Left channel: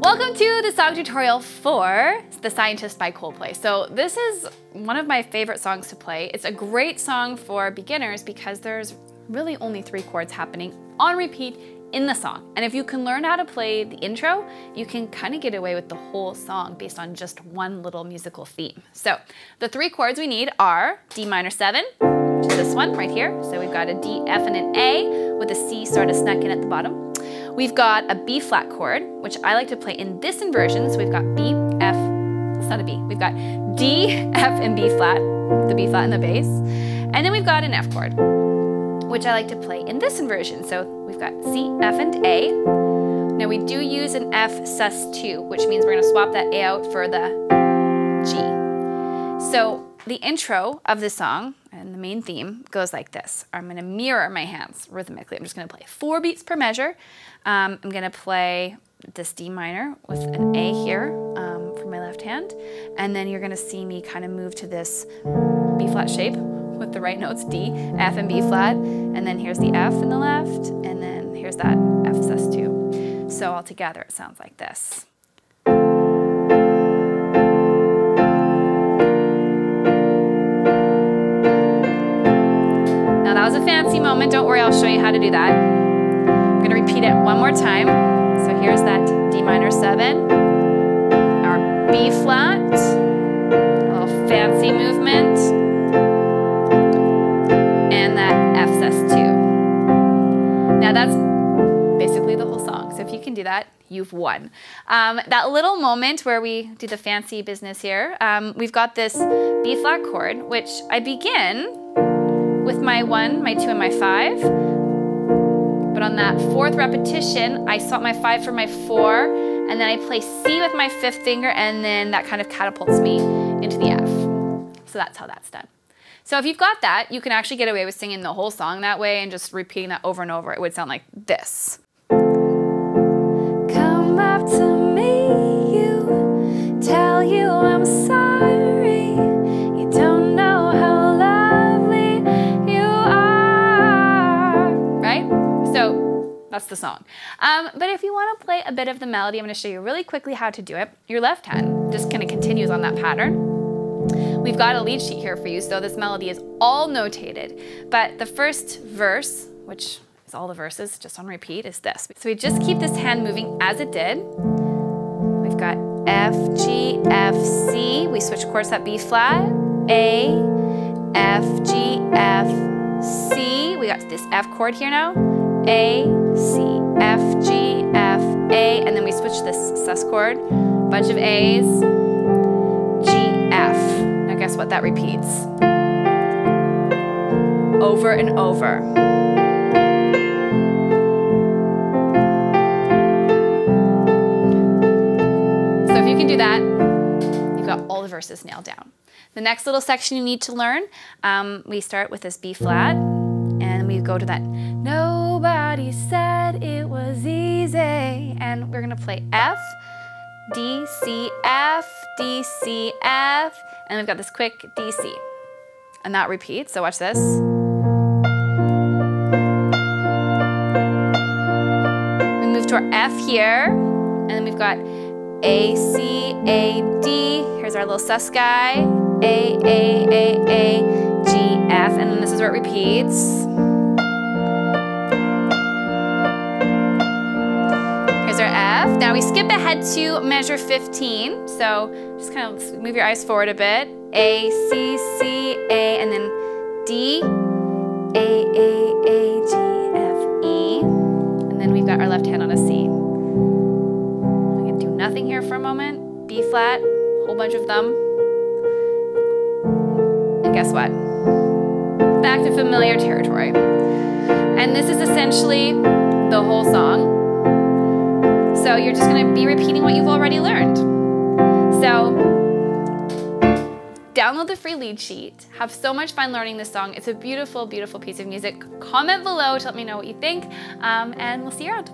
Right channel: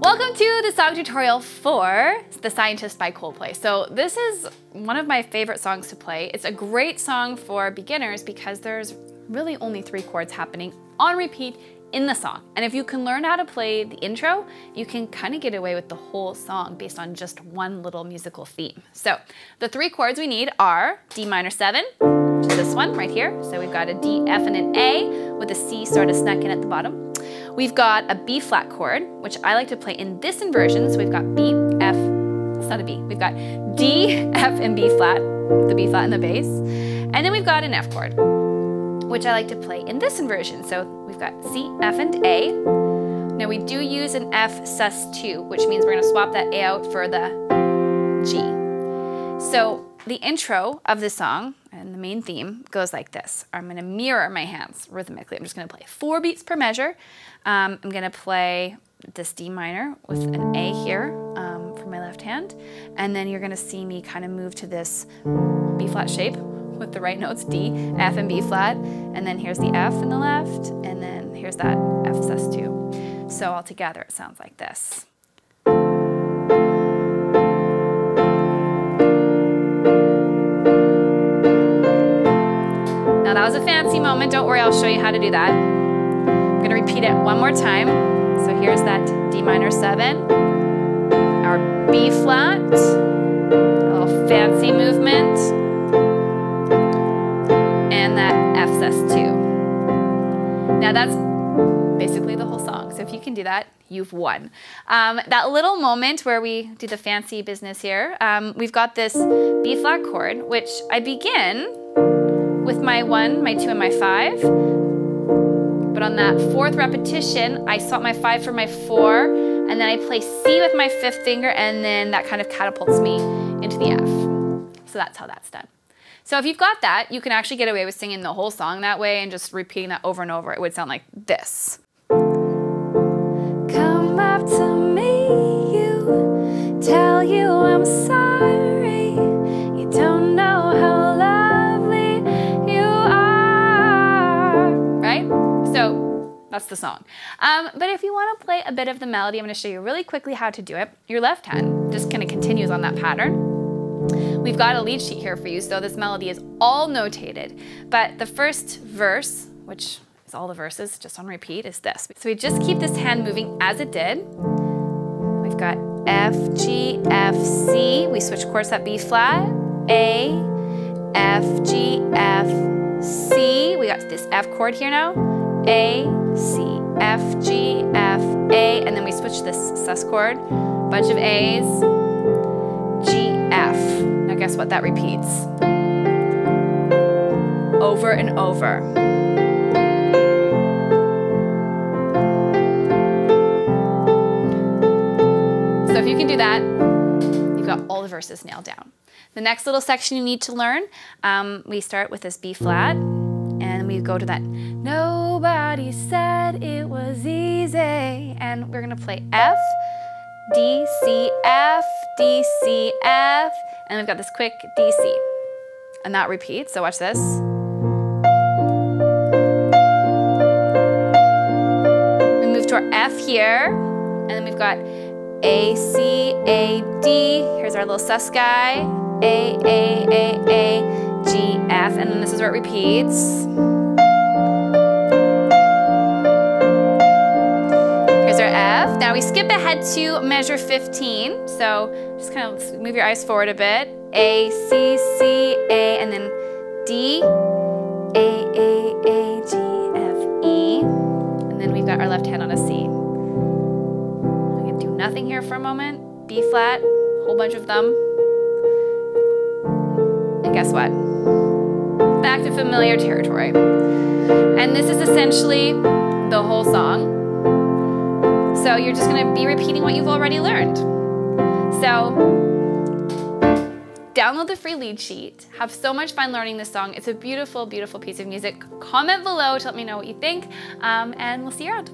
Welcome to the song tutorial for The Scientist by Coldplay. So this is one of my favorite songs to play. It's a great song for beginners because there's really only 3 chords happening on repeat in the song. And if you can learn how to play the intro, you can kind of get away with the whole song based on just one little musical theme. So the 3 chords we need are D minor 7, which is this one right here. So we've got a D, F, and an A with a C sort of snuck in at the bottom. We've got a B flat chord, which I like to play in this inversion. So we've got B, F, it's not a B. We've got D, F, and B flat, the B flat and the bass. And then we've got an F chord, which I like to play in this inversion. So we've got C, F, and A. Now we do use an F sus2, which means we're gonna swap that A out for the G. So the intro of the song and the main theme goes like this. I'm gonna mirror my hands rhythmically. I'm just gonna play 4 beats per measure. I'm gonna play this D minor with an A here for my left hand. And then you're gonna see me kind of move to this B flat shape with the right notes, D, F, and B flat. And then here's the F in the left, and then here's that F sus2. So all together it sounds like this. Now that was a fancy moment, don't worry, I'll show you how to do that. I'm gonna repeat it one more time. So here's that D minor 7, our B flat, a little fancy movement, and that F sus2. Now that's basically the whole song. So if you can do that, you've won. That little moment where we do the fancy business here, we've got this B flat chord, which I begin with my 1, my 2, and my 5. But on that 4th repetition, I swap my 5 for my 4, and then I play C with my 5th finger, and then that kind of catapults me into the F. So that's how that's done. So if you've got that, you can actually get away with singing the whole song that way and just repeating that over and over. It would sound like this. Come up to me, you, tell you I'm sorry. You don't know how lovely you are. Right? So that's the song. But if you want to play a bit of the melody, I'm going to show you really quickly how to do it. Your left hand just kind of continues on that pattern. We've got a lead sheet here for you, so this melody is all notated. But the first verse, which is all the verses just on repeat, is this. So we just keep this hand moving as it did. We've got F, G, F, C. We switch chords at B flat, A, F, G, F, C. We got this F chord here now. A, C, F, G, F, A. And then we switch this sus chord, bunch of A's, G, F. Now guess what that repeats? Over and over. So if you can do that, you've got all the verses nailed down. The next little section you need to learn, we start with this B flat, and we go to that nobody said it was easy, and we're gonna play F, D, C, F, D, C, F, and we've got this quick D, C. And that repeats, so watch this. We move to our F here, and then we've got A, C, A, D. Here's our little sus guy. A, G, F, and then this is where it repeats. Here's our F. Now we skip ahead to measure 15. So just kind of move your eyes forward a bit. A, C, C, A, and then D, A, G, F, E. And then we've got our left hand on a C. I'm gonna do nothing here for a moment. B flat, whole bunch of them. And guess what? Back to familiar territory. And this is essentially the whole song. So you're just gonna be repeating what you've already learned. So download the free lead sheet. Have so much fun learning this song. It's a beautiful, beautiful piece of music. Comment below to let me know what you think, and we'll see you around.